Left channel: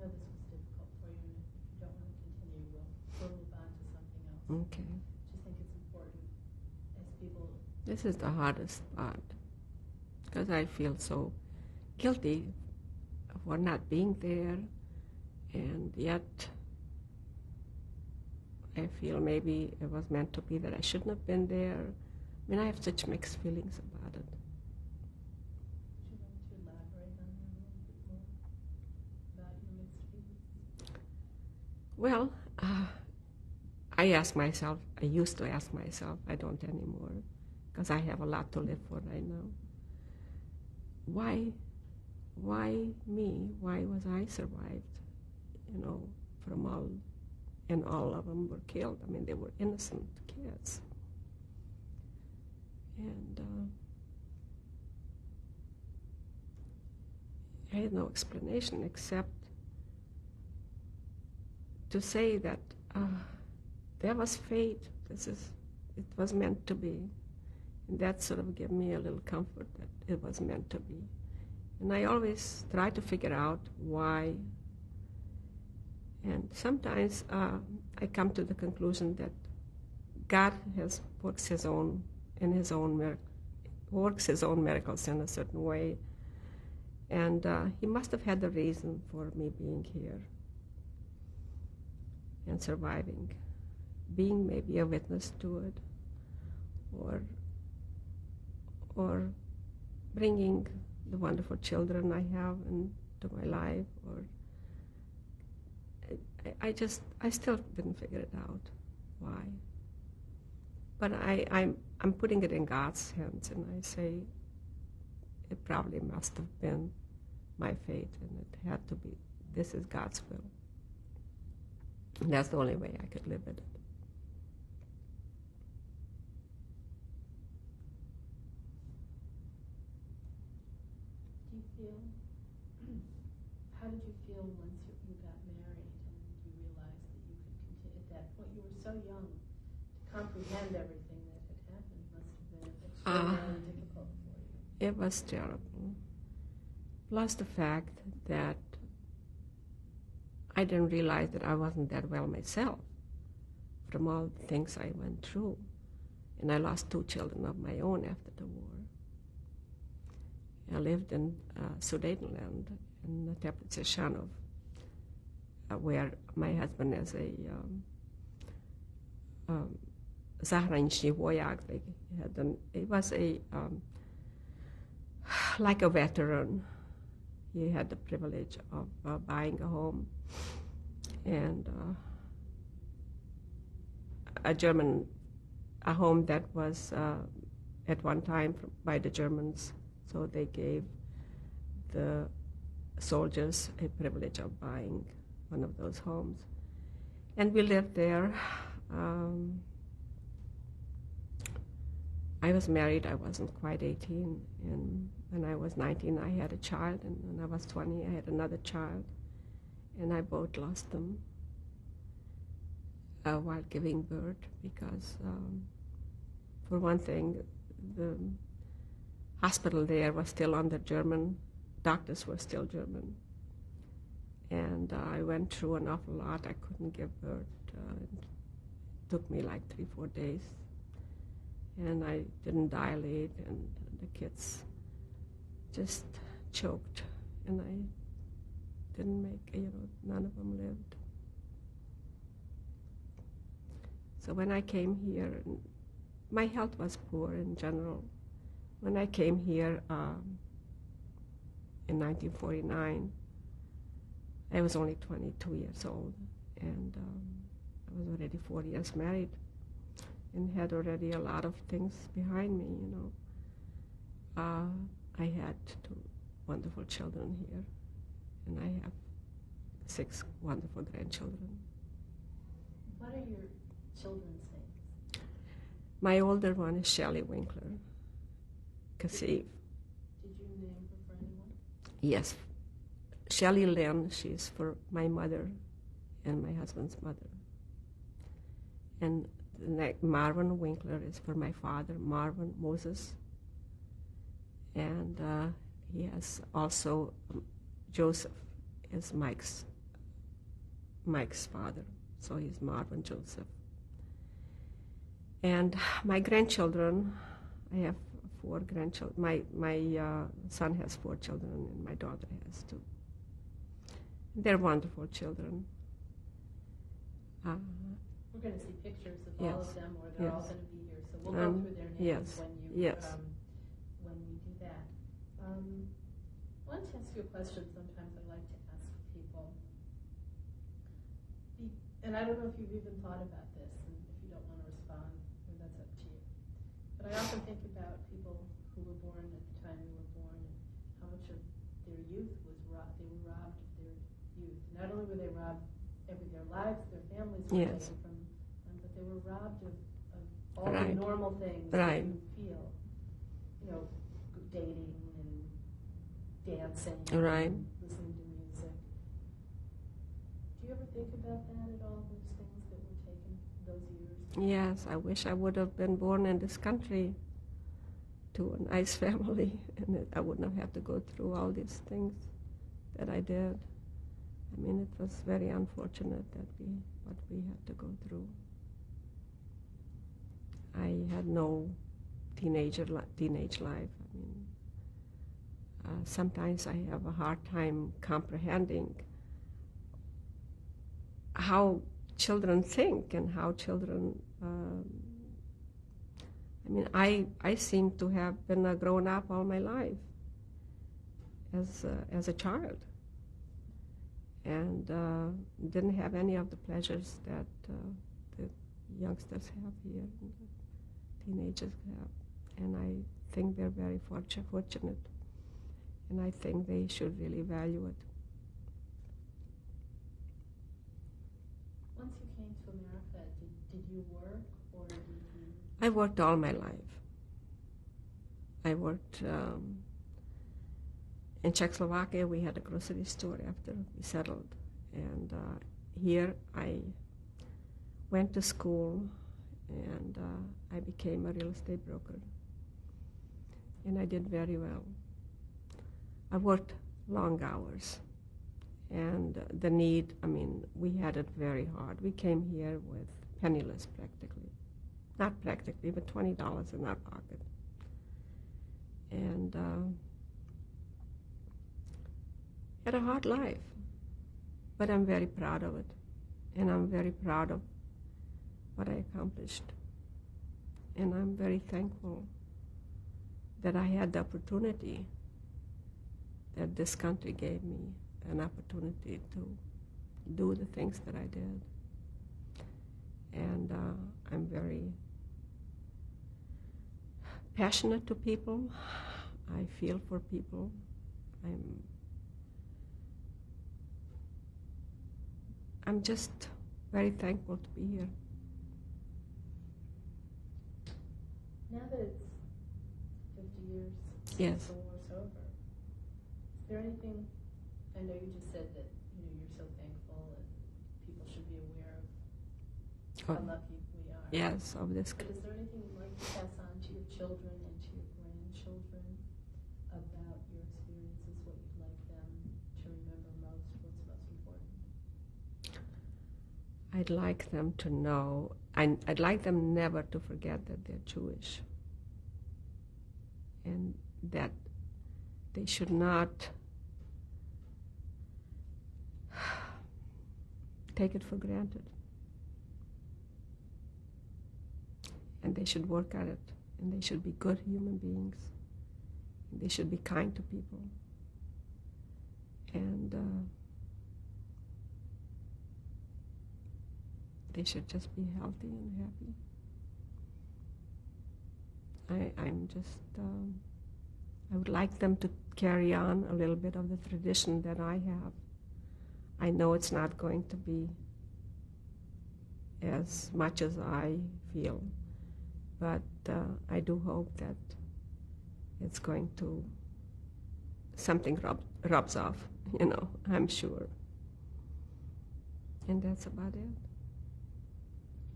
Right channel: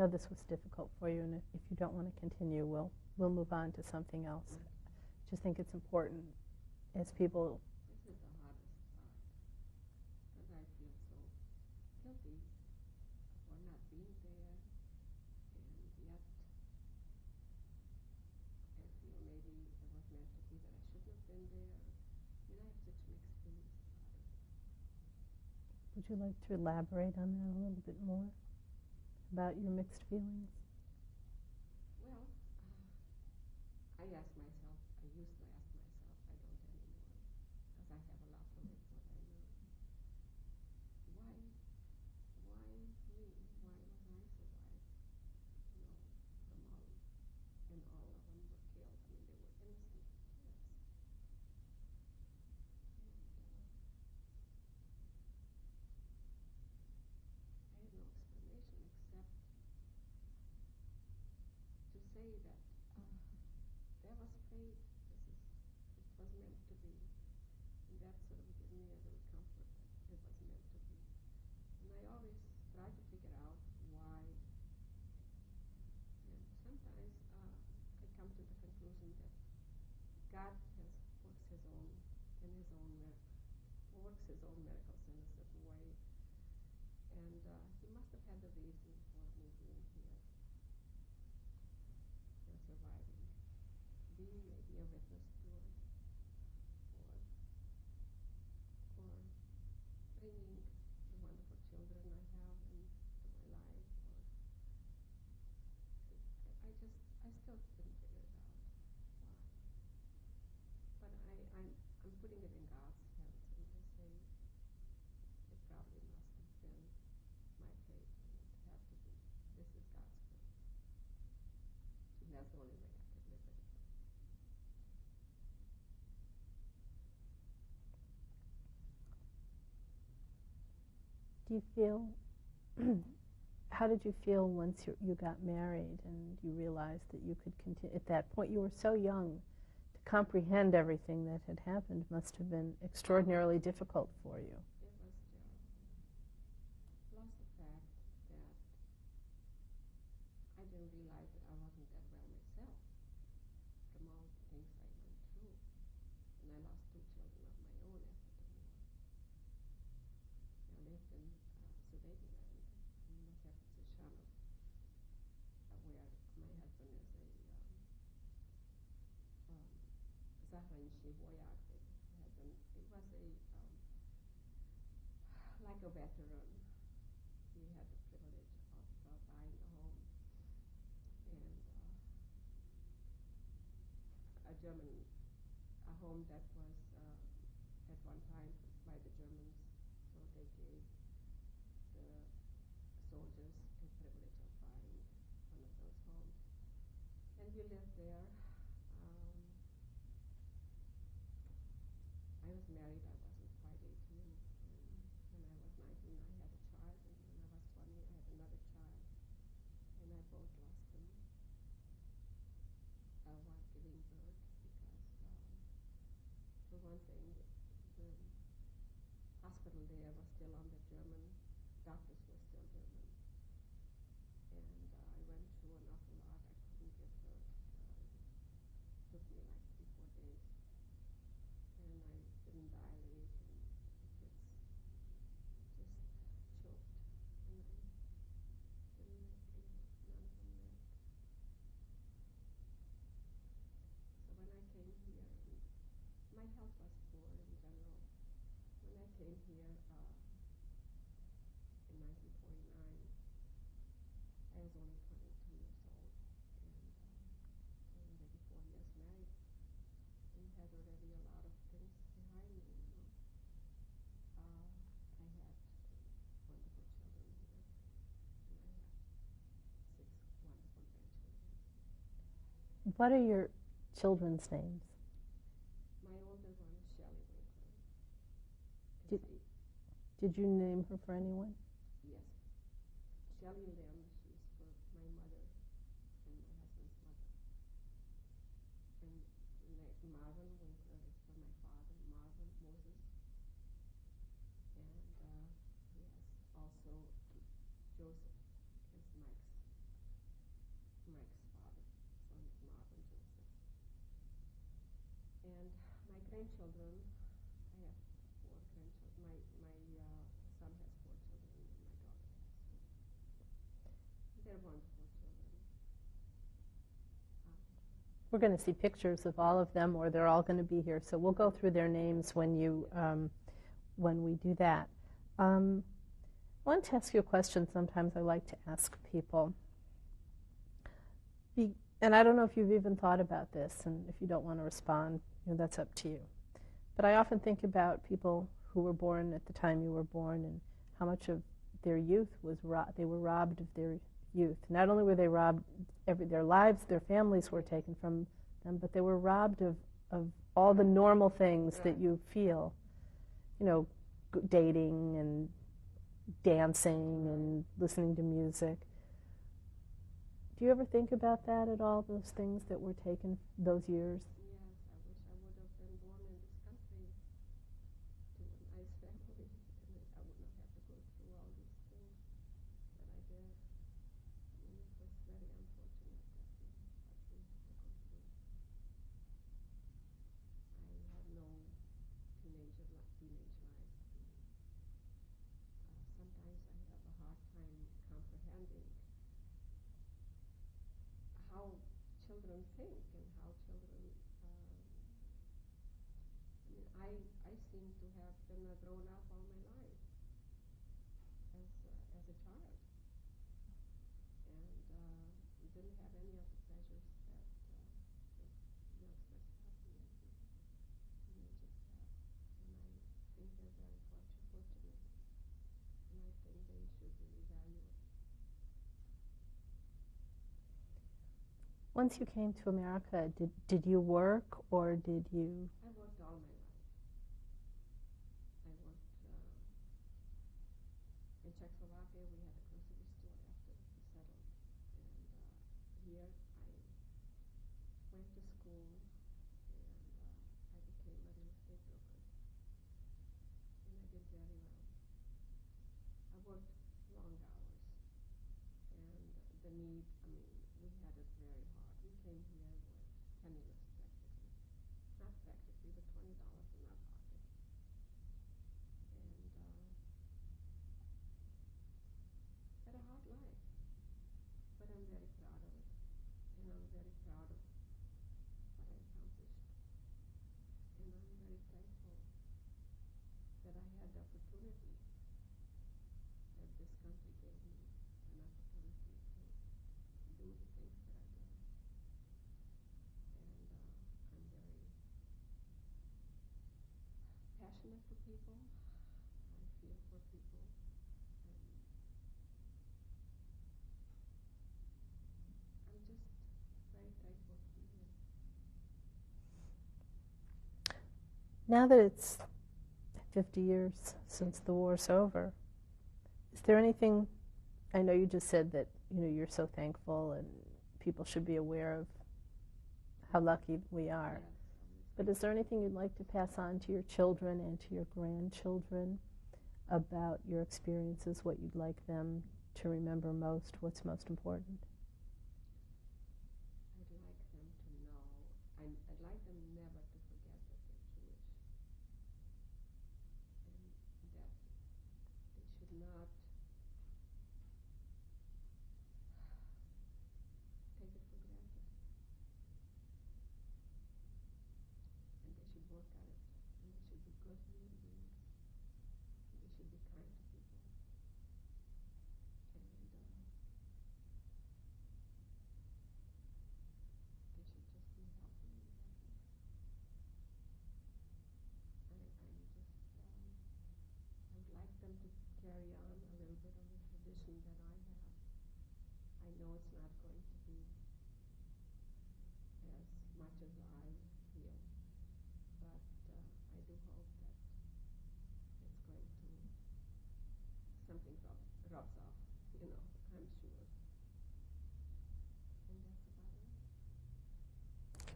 know this was difficult for you, and if you don't want to continue, we'll move on to something else. Okay. Just think it's important as people. This is the hardest part, because I feel so guilty for not being there, and yet I feel maybe it was meant to be that I shouldn't have been there. I mean, I have such mixed feelings about it. Would you like to elaborate on that a little bit more, about your mixed feelings? Well, I used to ask myself, I don't anymore, because I have a lot to live for right now. Why me? Why was I survived? From all of them were killed. I mean, they were innocent kids. And I had no explanation except to say that there was fate. It was meant to be. And that sort of gave me a little comfort that it was meant to be. And I always try to figure out why. And sometimes I come to the conclusion that God works his own miracles in a certain way. And he must have had the reason for me being here and surviving, being maybe a witness to it, or bringing the wonderful children I have into my life, or I still didn't figure it out why. But I'm putting it in God's hands, and I say it probably must have been my fate, and it had to be. This is God's will. And that's the only way I could live with it. Do you feel, how did you feel once you got married and you realized that you could continue? At that point, you were so young. To comprehend everything that had happened must have been extraordinarily difficult for you. It was terrible. Plus the fact that I didn't realize that I wasn't that well myself from all the things I went through. And I lost 2 children of my own after the war. I lived in Sudetenland in the Teplice Shanov, where my husband is a zahraničný voják. He was like a veteran. He had the privilege of buying a home, and a home that was at one time by the Germans. So they gave the soldiers a privilege of buying one of those homes. And we lived there. I was married, I wasn't quite 18, and when I was 19 I had a child, and when I was 20 I had another child, and I both lost them while giving birth, because for one thing, the hospital there was still under German, doctors were still German, and I went through an awful lot. I couldn't give birth. It took me like 3-4 days, and I didn't dilate, and the kids just choked, and I didn't make, none of them lived. So when I came here, my health was poor in general. When I came here in 1949, I was only 22 years old, and I was already 4 years married and had already a lot of things behind me, I had 2 wonderful children here, and I have 6 wonderful grandchildren. What are your children's names? My older one is Shelley Winkler. Did you name her for anyone? Yes. Shelley Lynn, she's for my mother and my husband's mother. And Marvin Winkler is for my father, Marvin Moses. And he has also, Joseph is Mike's Mike's father. So he's Marvin Joseph. And my grandchildren, I have 4 grandchildren. My son has 4 children, and my daughter has 2. They're wonderful children. We're going to see pictures of all of them, or they're all going to be here. So we'll go through their names when you when we do that. I wanted to ask you a question. Sometimes I like to ask people, and I don't know if you've even thought about this, and if you don't want to respond, that's up to you. But I often think about people who were born at the time you were born, and how much of their youth was they were robbed of their youth. Not only were they robbed their lives, their families were taken from them, but they were robbed of all the normal things that you feel, dating and dancing and listening to music. Do you ever think about that at all, those things that were taken those years? Yes, I wish I would have been born in this country to a nice family, and I wouldn't have had to go through all these things that I did. I mean, it was very unfortunate that what we had to go through. I had no teenage life. I mean, sometimes I have a hard time comprehending how children think and how children. I mean, I seem to have been a grown up all my life as a child, and didn't have any of the pleasures that the youngsters have here, and the teenagers have. And I think they're very fortunate, and I think they should really value it. Once you came to America, did you work, or did you? I worked all my life. I worked in Czechoslovakia. We had a grocery store after we settled, and here I went to school, and I became a real estate broker, and I did very well. I worked long hours, and the need, I mean, we had it very hard. We came here with penniless practically. Not practically, but $20 in our pocket. And had a hard life, but I'm very proud of it, and I'm very proud of what I accomplished, and I'm very thankful that I had the opportunity that this country gave me, an opportunity to do the things that I did, and I'm very passionate to people. I feel for people. I'm just very thankful to be here. Now that it's 50 years since the war's over, is there anything, I know you just said that you're so thankful and people should be aware of how lucky we are. Yes, of this. But is there anything you'd like to pass on to your children and to your grandchildren about your experiences, what you'd like them to remember most, what's most important? I'd like them to know, I'd like them never to forget that they're Jewish, and that they should not take it for granted, and they should work at it, and they should be good human beings, and they should be kind to people, and they should just be healthy and happy. I would like them to carry on a little bit of the tradition that I have. I know it's not going to be as much as I feel, but I do hope that it's going to, something rubs off, I'm sure. And that's about it.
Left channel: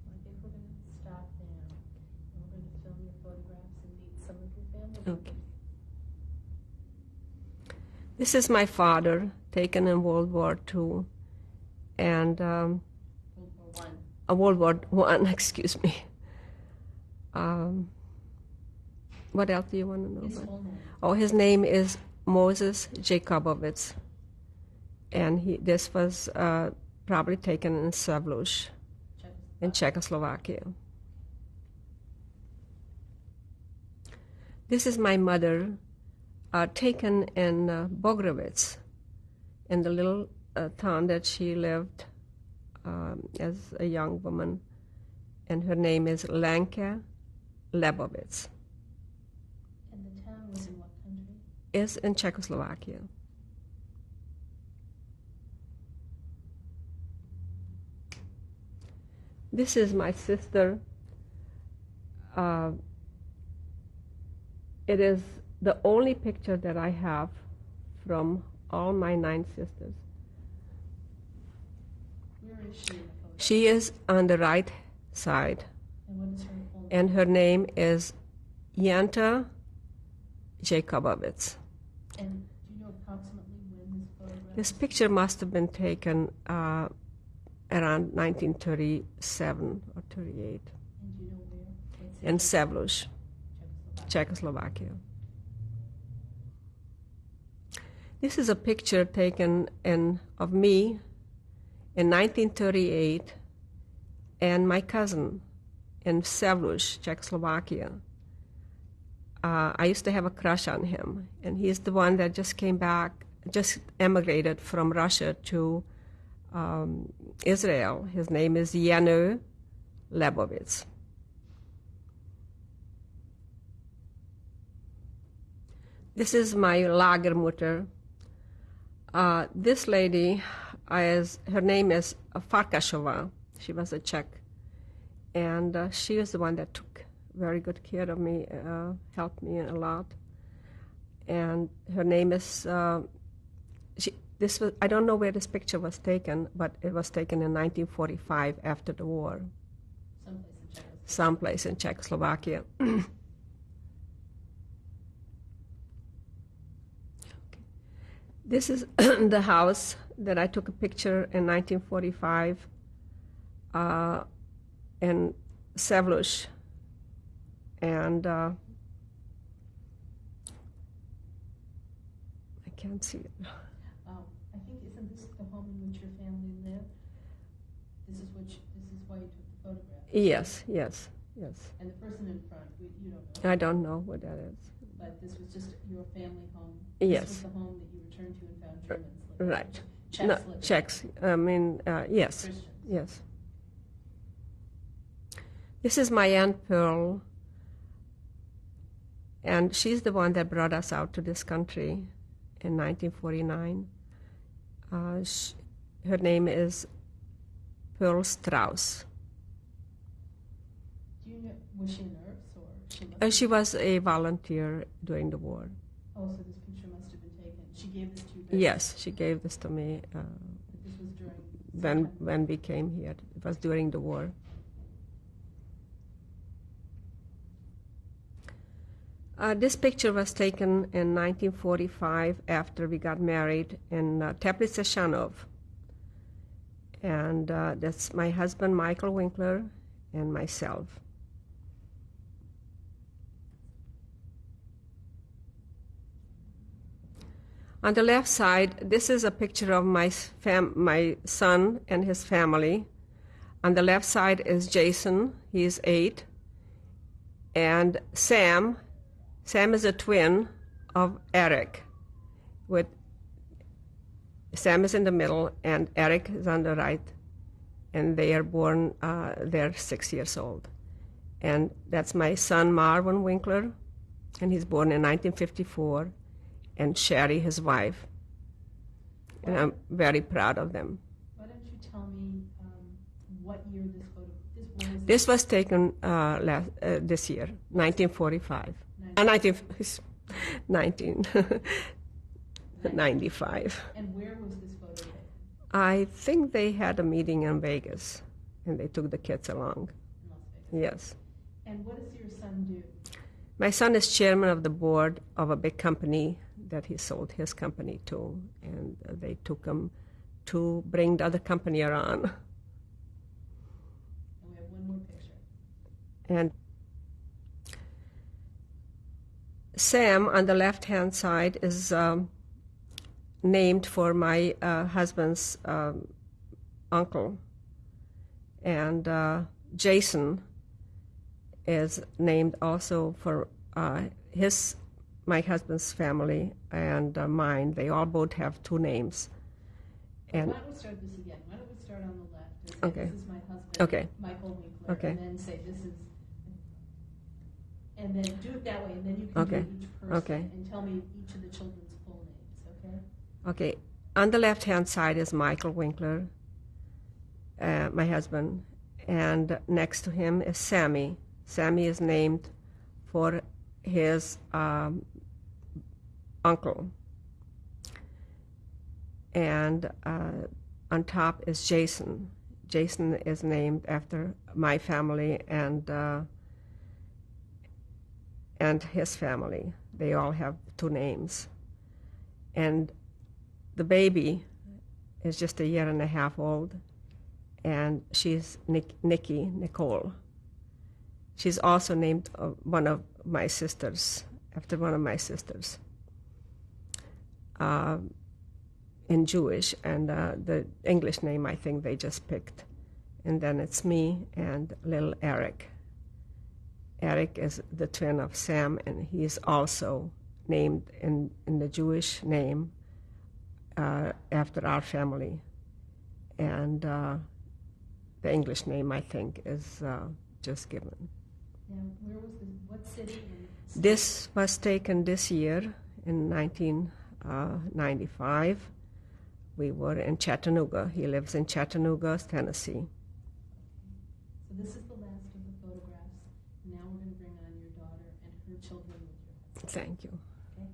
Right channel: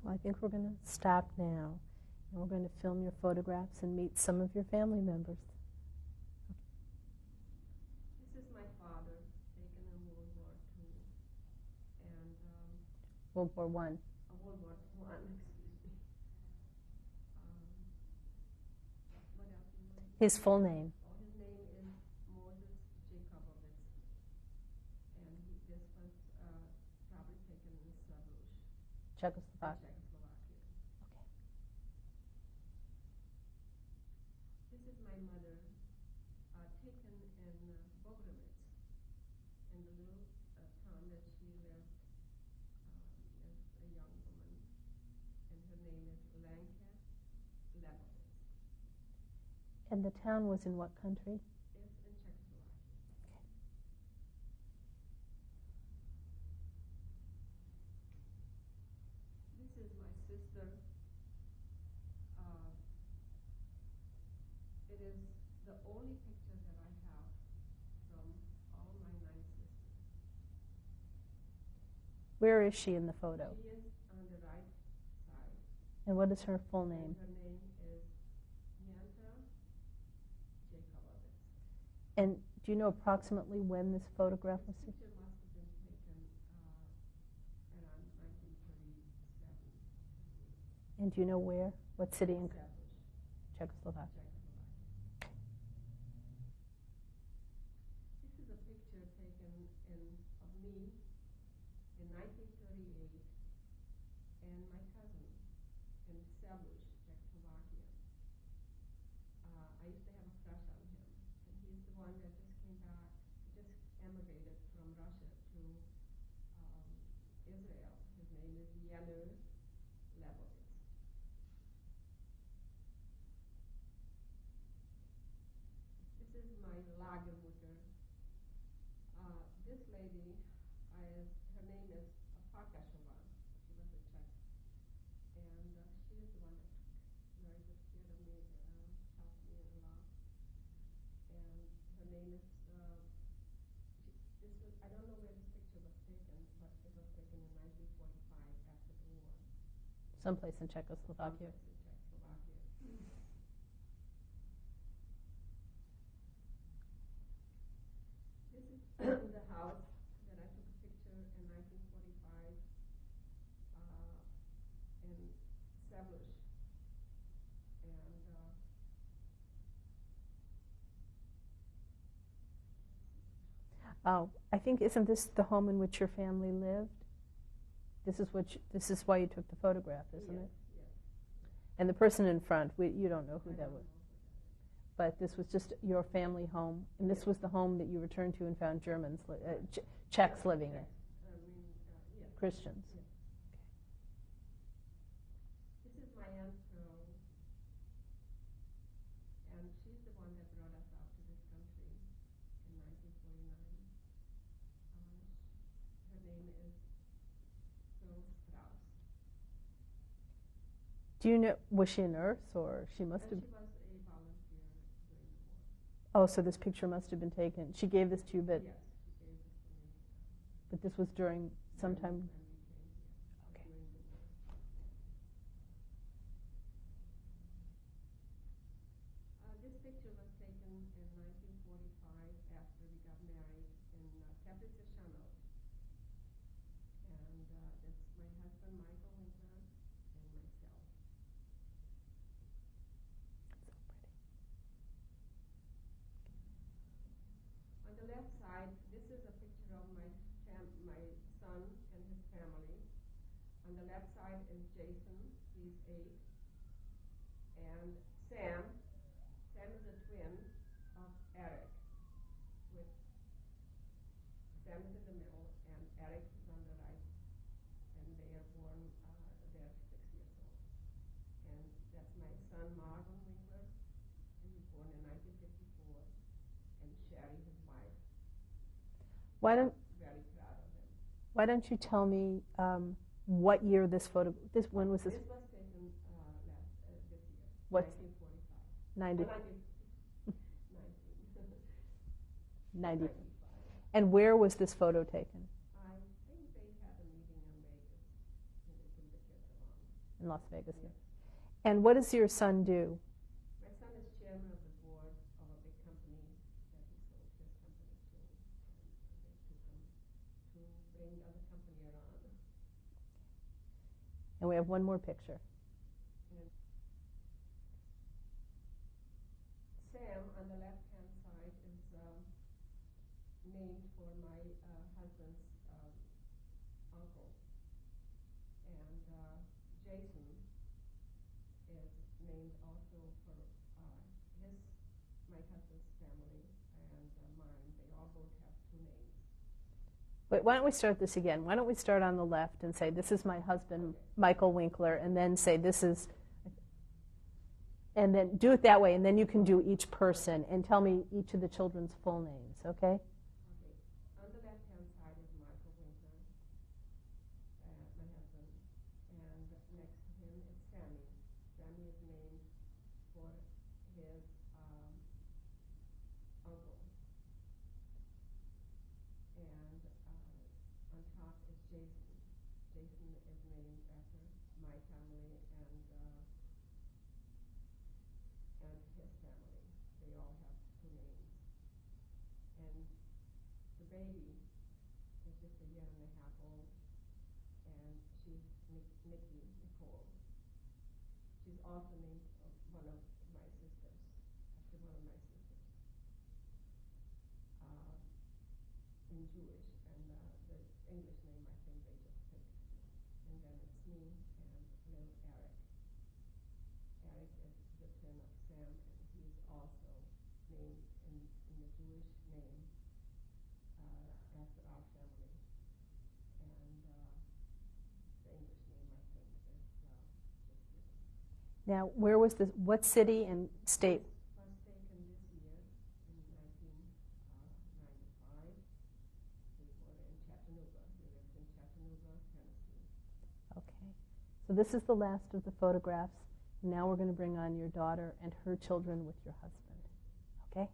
Well, I think we're going to stop now, and we're going to film your photographs and meet some of your family members. This is my father, taken in World War II. and World War One. World War One. Excuse me. What else do you want to know? His full name. Oh, his name is Moses Jacobowitz, and this was probably taken in Savlush, in Czechoslovakia. This is my mother, taken in Bogrovitz, in the little town that she lived as a young woman, and her name is Lenka Lebovitz. And the town was in what country? Is in Czechoslovakia. This is my sister. It is the only picture that I have from all my 9 sisters. Where is she in the photo? She is on the right side. And what is her full name? And her name is Janta Jacobowitz. And do you know approximately when this photograph? This picture must have been taken around 1937 or 38. And do you know where? What city? In Savlush, Czechoslovakia. This is a picture taken of me in 1938 and my cousin in Savlush, Czechoslovakia. I used to have a crush on him, and he's the one that just came back, just emigrated from Russia to Israel. His name is Yanu Lebovitz. This is my Lagermutter. This lady, her name is Farkashova. She was a Czech, and she was the one that took very good care of me, helped me a lot. And her name is, I don't know where this picture was taken, but it was taken in 1945 after the war. Someplace in Czechoslovakia. Someplace in Czechoslovakia. This is the house that I took a picture in 1945 in Savlush. And I can't see it. Oh, I think, isn't this the home in which your family lived? This is why you took the photograph. Yes. And the person in front, you don't know. I don't know what that is. But this was just your family home. Yes. This was the home that you returned to and found Germans living. Right. Czechs living. Czechs. I mean, yes. Christians. Yes. This is my Aunt Pearl, and she's the one that brought us out to this country in 1949. Her name is Pearl Strauss. Do you know, was she a nurse or she must She was a volunteer during the war. Oh, so this picture must have been taken. She gave this to you? Yes, she gave this to me. But this was during when we came here. It was during the war. This picture was taken in 1945 after we got married in Teplice Shanov. And that's my husband, Michael Winkler, and myself. On the left side, this is a picture of my son and his family. On the left side is Jason, he is 8. And Sam is a twin of Eric. Sam is in the middle and Eric is on the right. And they are born, they're 6 years old. And that's my son, Marvin Winkler, and he's born in 1954. And Sherry, his wife. And I'm very proud of them. Why don't you tell me what year this photo? When was this? This was taken this year, 1945. 1995. And where was this photo taken? I think they had a meeting in Vegas, and they took the kids along. In Las Vegas. Yes. And what does your son do? My son is chairman of the board of a big company that he sold his company to, and they took him to bring the other company around. And we have one more picture. And Sam on the left-hand side is named for my husband's uncle. And Jason is named also for my husband's family and mine. They all both have two names. Wait, why don't we start this again? Why don't we start on the left and say, this is my husband, Michael Winkler, and then say, this is, and then do it that way, and then you can do each person, and tell me each of the children's full names, okay? Okay. On the left-hand side is Michael Winkler, my husband, and next to him is Sammy. Sammy is named for his uncle. And on top is Jason. Jason is named after my family and his family. They all have two names. And the baby is just a year and a half old, and she's Nicole. She's also named one of my sisters, after one of my sisters. In Jewish, and the English name I think they just picked. And then it's me and little Eric. Eric is the twin of Sam, and he's also named in the Jewish name after our family. And the English name I think is just given. Now, where was this, what city and state? This was taken this year in 1995. We were in Chattanooga. He lives in Chattanooga, Tennessee. Okay. So this is the last of the photographs. Now we're going to bring on your daughter and her children with your husband. Thank you. Okay.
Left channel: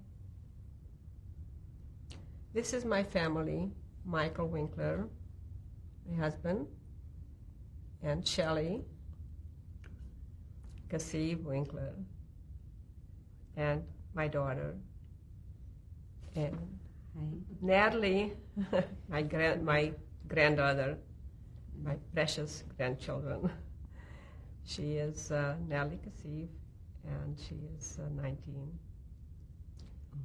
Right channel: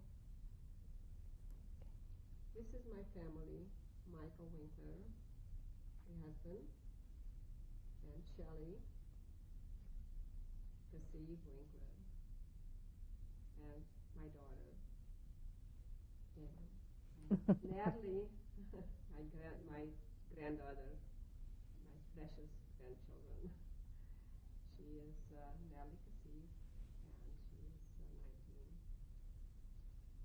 This is my family, Michael Winkler, my husband, and Shelley, Cassie Winkler, and my daughter, and Natalie, my granddaughter, my precious grandchildren. She is Natalie Kassif, and she is 19.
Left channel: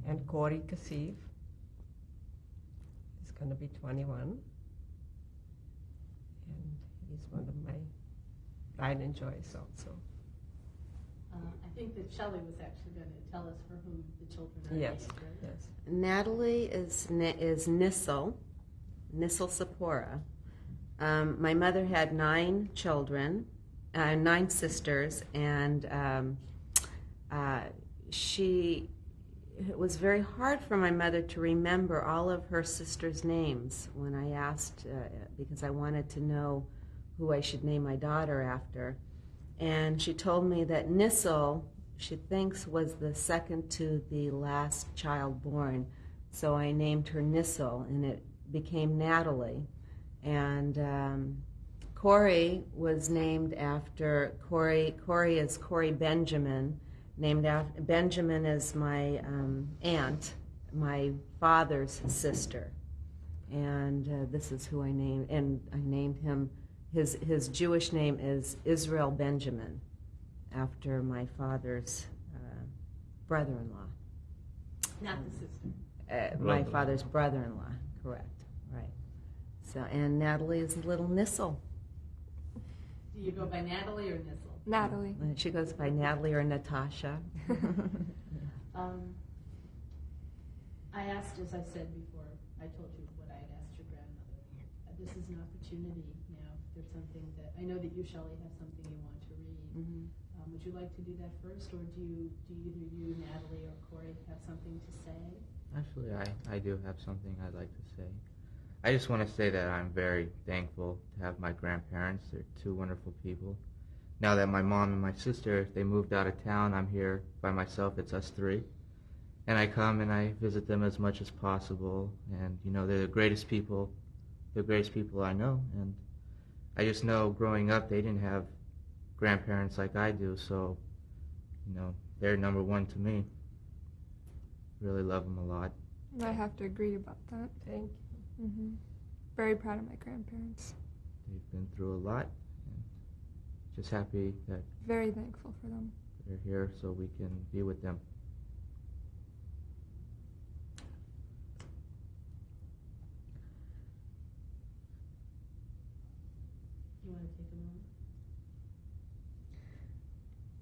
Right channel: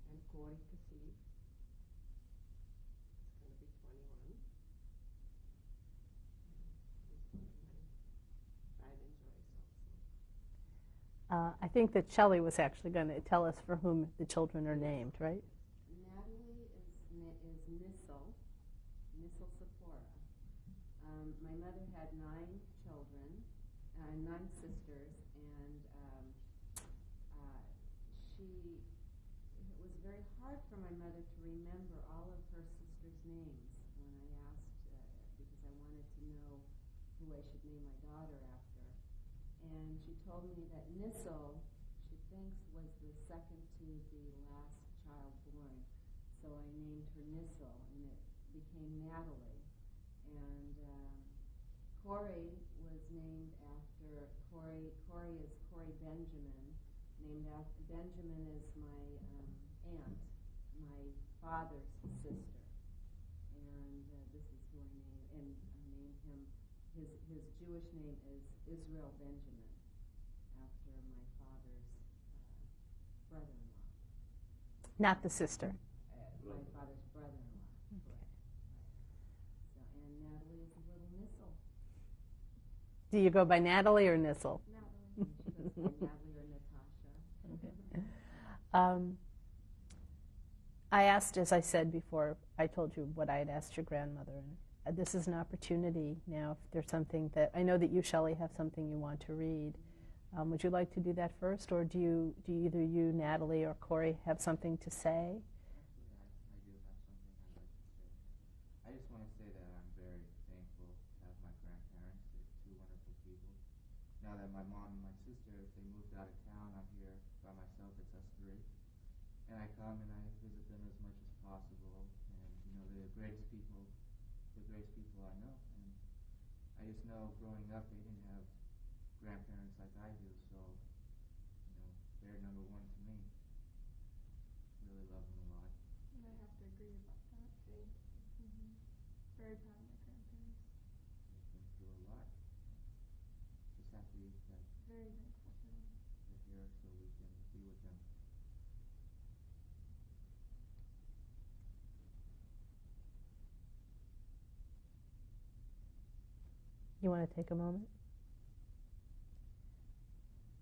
And Corey Kassif is going to be 21. And he's one of my pride and joys also. I think that Shelley was actually going to tell us for whom the children are named, right? Yes. Natalie is Nissel Sapora. My mother had 9 children, 9 sisters, and it was very hard for my mother to remember all of her sisters' names when I asked, because I wanted to know who I should name my daughter after. And she told me that Nissel, she thinks, was the second to the last child born. So I named her Nissel, and it became Natalie. And Corey was named after, Corey is Corey Benjamin, named after, Benjamin is my aunt, my father's sister. And this is who I named, and I named him, his Jewish name is Israel Benjamin, after my father's brother-in-law. Not the sister. My father's brother-in-law, correct, right. So, and Natalie is little Nissel. Do you go by Natalie or Nissel? Natalie. She goes by Natalie or Natasha. I asked, as I said before, I told you what I had asked your grandmother. And this is an opportunity now, if there's something that, I know that you, Shelley, have something you want to read. Mm-hmm. Would you like to do that first, or do either you, Natalie, or Corey have something to say? Actually, I do have something I'd like to say. I just want to say that I'm very thankful to have my grandparents. They're 2 wonderful people. Now that my mom and my sister, they moved out of town, I'm here by myself. It's us 3. And I come and I visit them as much as possible. And, you know, they're the greatest people I know. And I just know growing up they didn't have grandparents like I do. So, you know, they're number 1 to me. Really love them a lot. I have to agree about that. Thank you. Mm-hmm. very proud of my grandparents. They've been through a lot, and just happy that Very thankful for them. they're here so we can be with them. You want to take a moment?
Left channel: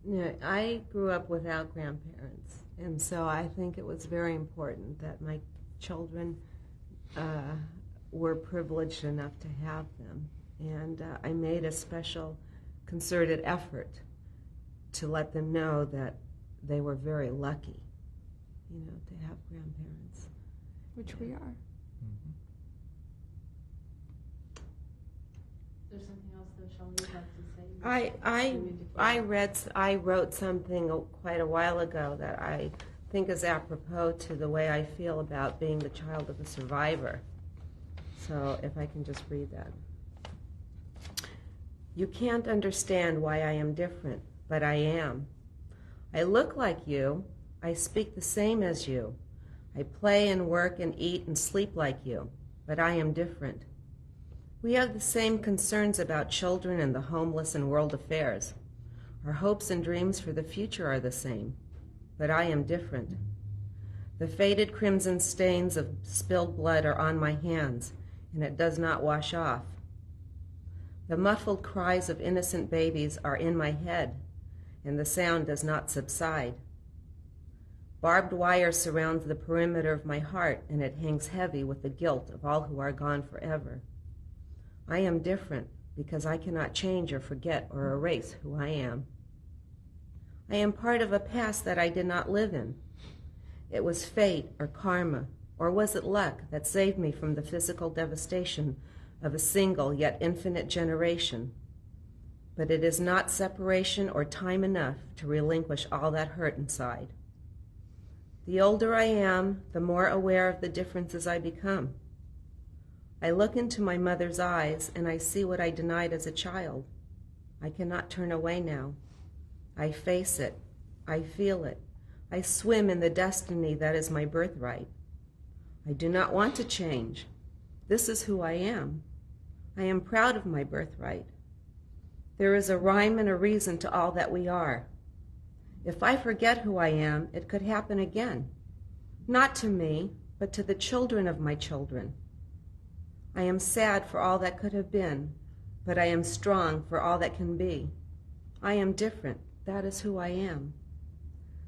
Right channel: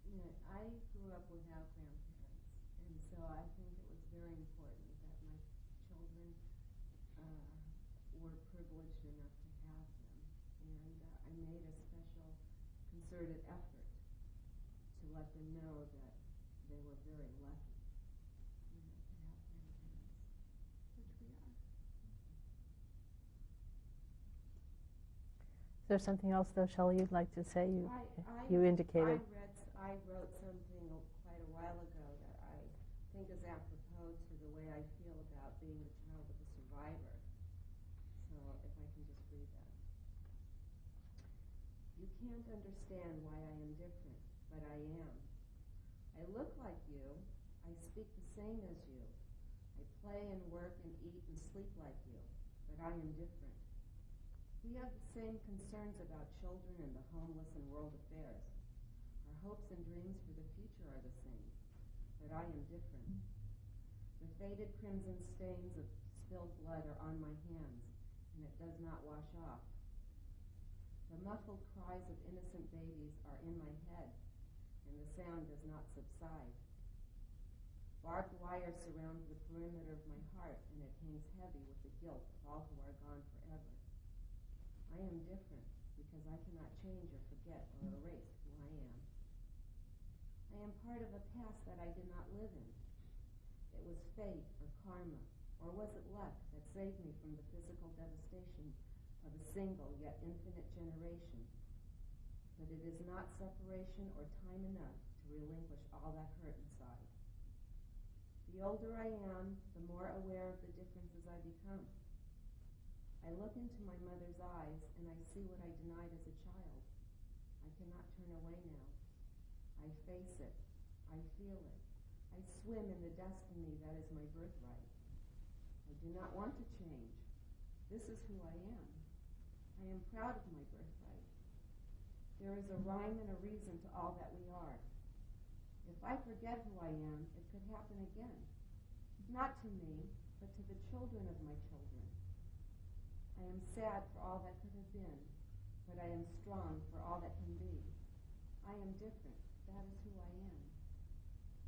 Yeah, I grew up without grandparents, and so I think it was very important that my children were privileged enough to have them. And I made a special concerted effort to let them know that they were very lucky, to have grandparents. Which we are. Is there something else, though, Shelley, you'd like to say? You indicated. I wrote something quite a while ago that I think is apropos to the way I feel about being the child of a survivor. So if I can just read that. You can't understand why I am different, but I am. I look like you. I speak the same as you. I play and work and eat and sleep like you, but I am different. We have the same concerns about children and the homeless and world affairs. Our hopes and dreams for the future are the same, but I am different. The faded crimson stains of spilled blood are on my hands, and it does not wash off. The muffled cries of innocent babies are in my head, and the sound does not subside. Barbed wire surrounds the perimeter of my heart, and it hangs heavy with the guilt of all who are gone forever. I am different because I cannot change or forget or erase who I am. I am part of a past that I did not live in. It was fate or karma, or was it luck that saved me from the physical devastation of a single yet infinite generation? But it is not separation or time enough to relinquish all that hurt inside. The older I am, the more aware of the differences I become. I look into my mother's eyes and I see what I denied as a child. I cannot turn away now. I face it. I feel it. I swim in the destiny that is my birthright. I do not want to change. This is who I am. I am proud of my birthright. There is a rhyme and a reason to all that we are. If I forget who I am, it could happen again. Not to me, but to the children of my children. I am sad for all that could have been, but I am strong for all that can be. I am different. That is who I am.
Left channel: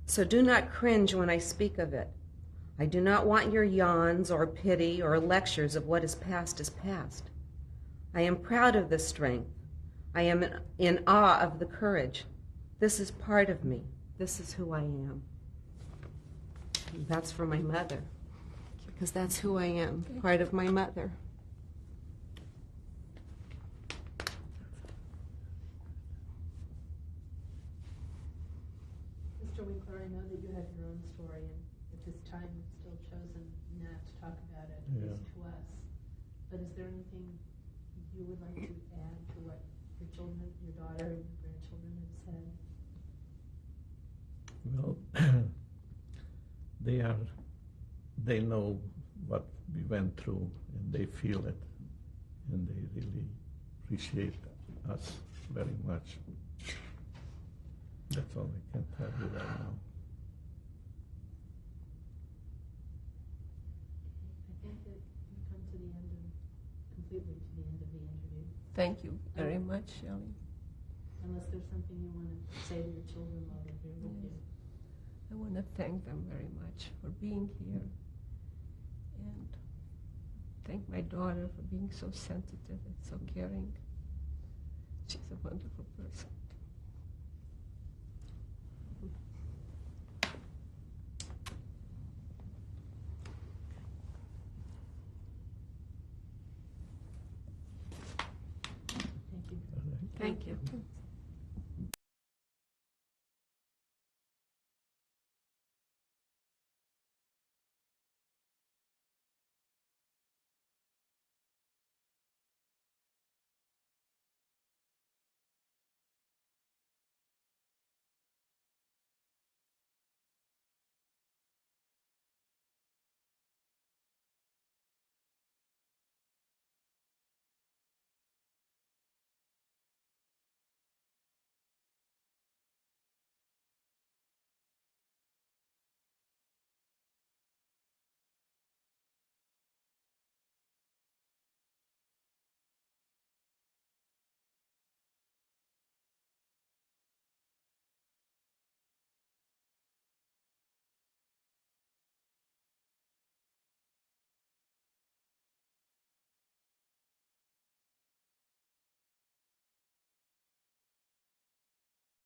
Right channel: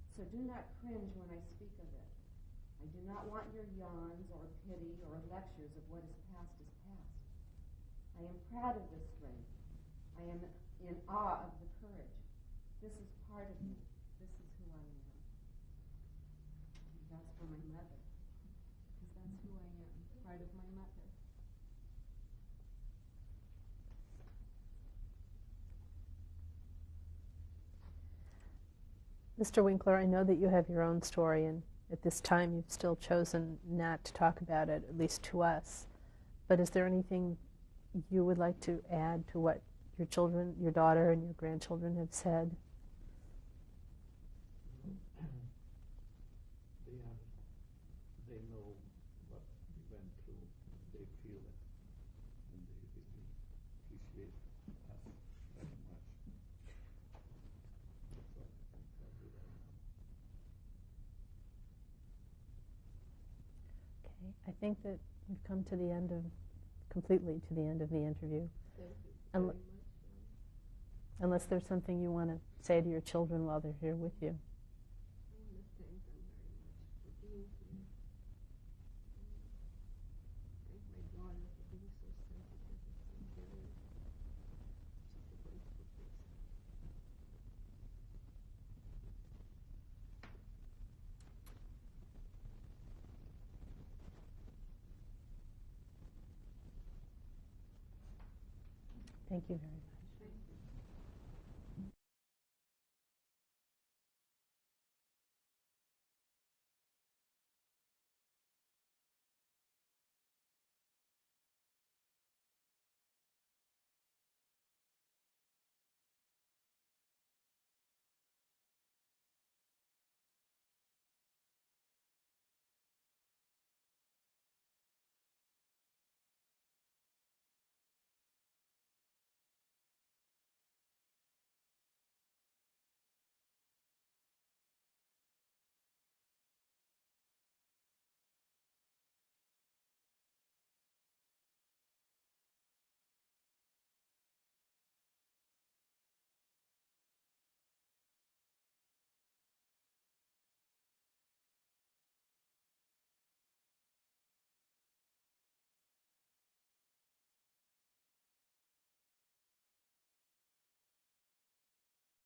So do not cringe when I speak of it. I do not want your yawns or pity or lectures of what is past. I am proud of this strength. I am in awe of the courage. This is part of me. This is who I am. And that's for my mother, because that's who I am, part of my mother. Mr. Winkler, I know that you have your own story, and at this time you've still chosen not to talk about it, at least to us. But is there anything you would like to add to what your children, your daughter and your grandchildren have said? Well, they know what we went through, and they feel it, and they really appreciate us very much. That's all I can tell you right now. Okay, I think that we've come to the end of, completely to the end of the interview. Thank you very much, Shelley. Unless there's something you want to say to your children while they're here with you. I want to thank them very much for being here, and thank my daughter for being so sensitive and so caring. She's a wonderful person. Thank you. Thank you.